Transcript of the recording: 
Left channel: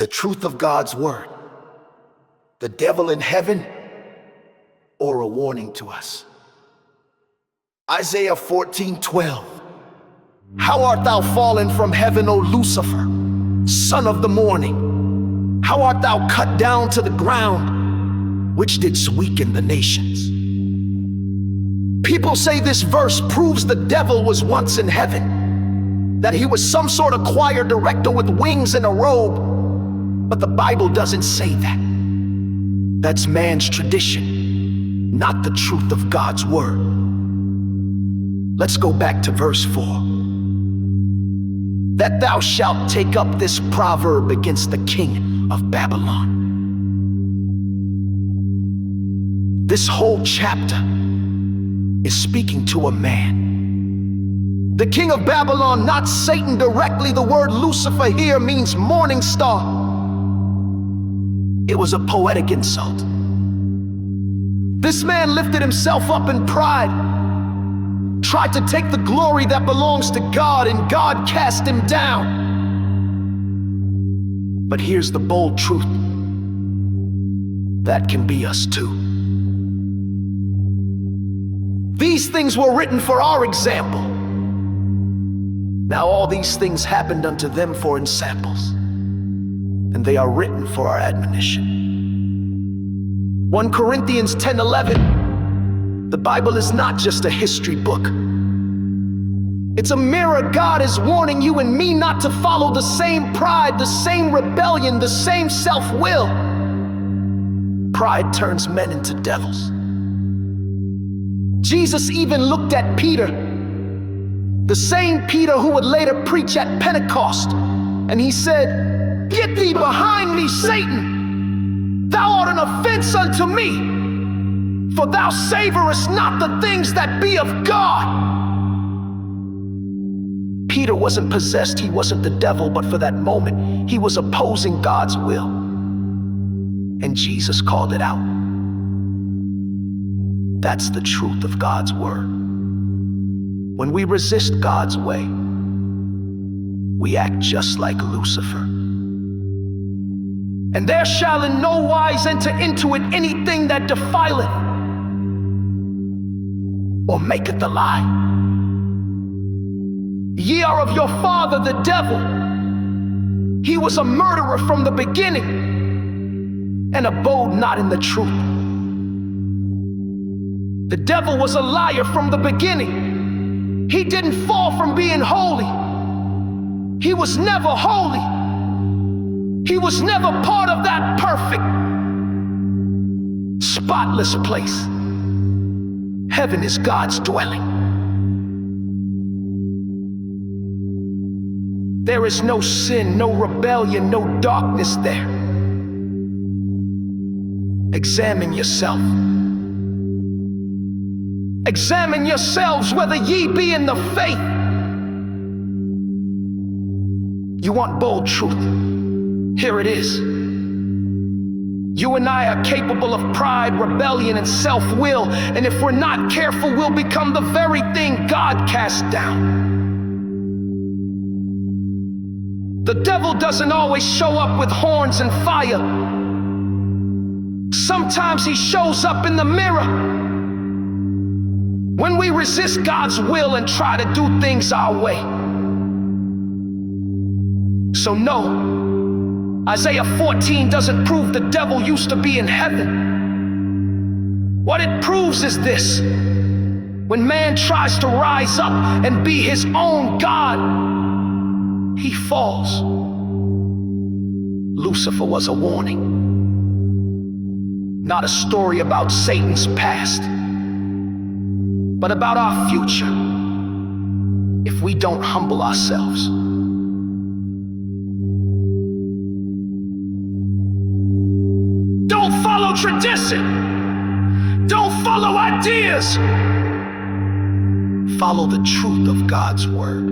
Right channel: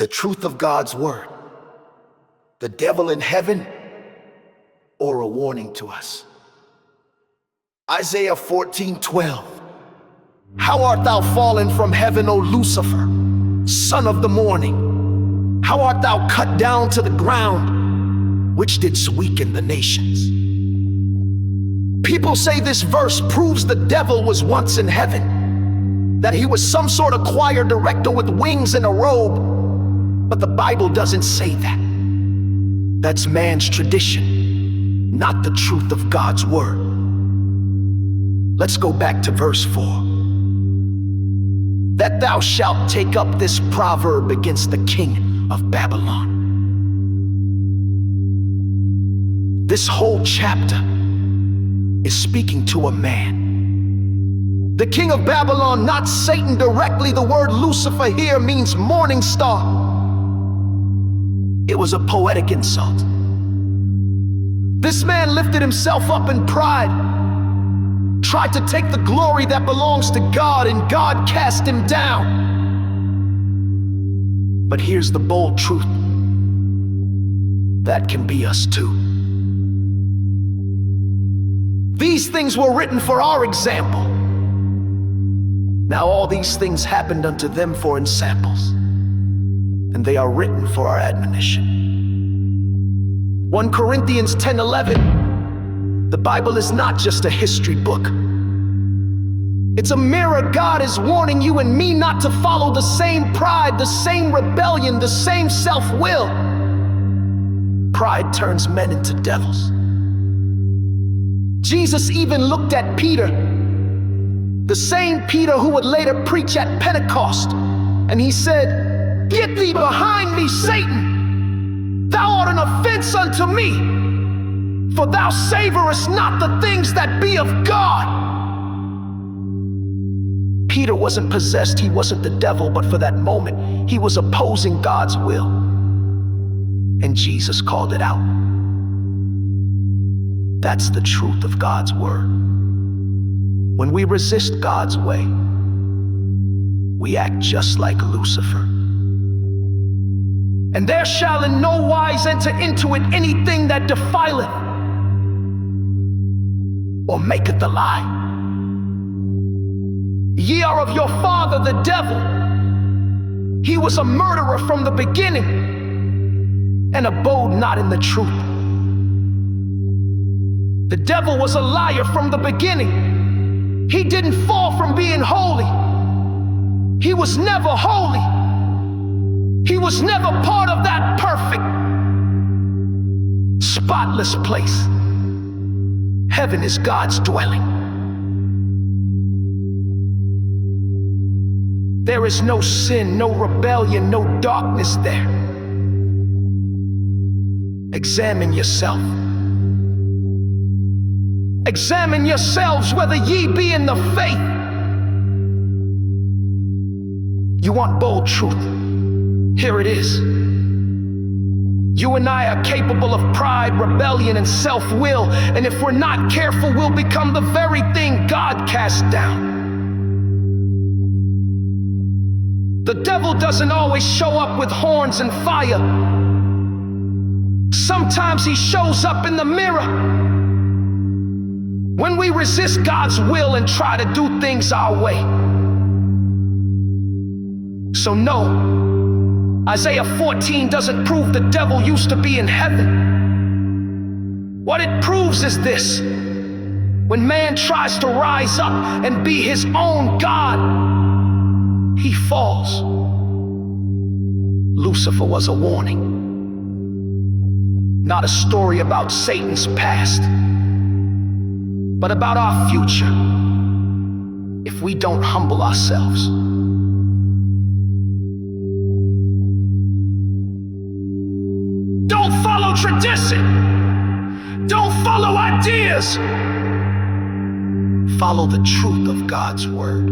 the truth of God's word, the devil in heaven, or a warning to us. Isaiah 14:12. How art thou fallen from heaven, O Lucifer, son of the morning? How art thou cut down to the ground, which didst weaken the nations? People say this verse proves the devil was once in heaven, that he was some sort of choir director with wings and a robe. But the Bible doesn't say that. That's man's tradition, not the truth of God's word. Let's go back to verse 4. That thou shalt take up this proverb against the king of Babylon. This whole chapter is speaking to a man. The king of Babylon, not Satan directly. The word Lucifer here means morning star. It was a poetic insult. This man lifted himself up in pride, tried to take the glory that belongs to God, and God cast him down. But here's the bold truth. That can be us too. These things were written for our example. Now all these things happened unto them for ensamples, and they are written for our admonition. 1 Corinthians 10:11. The Bible is not just a history book. It's a mirror. God is warning you and me not to follow the same pride, the same rebellion, the same self-will. Pride turns men into devils. Jesus even looked at Peter, the same Peter who would later preach at Pentecost, and he said, "Get thee behind me, Satan! Thou art an offense unto me, for thou savorest not the things that be of God." Peter wasn't possessed, he wasn't the devil, but for that moment, he was opposing God's will. And Jesus called it out. That's the truth of God's word. When we resist God's way, we act just like Lucifer. And there shall in no wise enter into it anything that defileth or maketh a lie. Ye are of your father the devil. He was a murderer from the beginning, and abode not in the truth. The devil was a liar from the beginning. He didn't fall from being holy. He was never holy. He was never part of that perfect, spotless place. Heaven is God's dwelling. There is no sin, no rebellion, no darkness there. Examine yourself. Examine yourselves whether ye be in the faith. You want bold truth? Here it is. You and I are capable of pride, rebellion, and self-will, and if we're not careful, we'll become the very thing God cast down. The devil doesn't always show up with horns and fire. Sometimes he shows up in the mirror. When we resist God's will and try to do things our way. So no, Isaiah 14 doesn't prove the devil used to be in heaven. What it proves is this: when man tries to rise up and be his own God, he falls. Lucifer was a warning, not a story about Satan's past, but about our future if we don't humble ourselves. Don't follow tradition. Don't follow ideas. Follow the truth of God's word.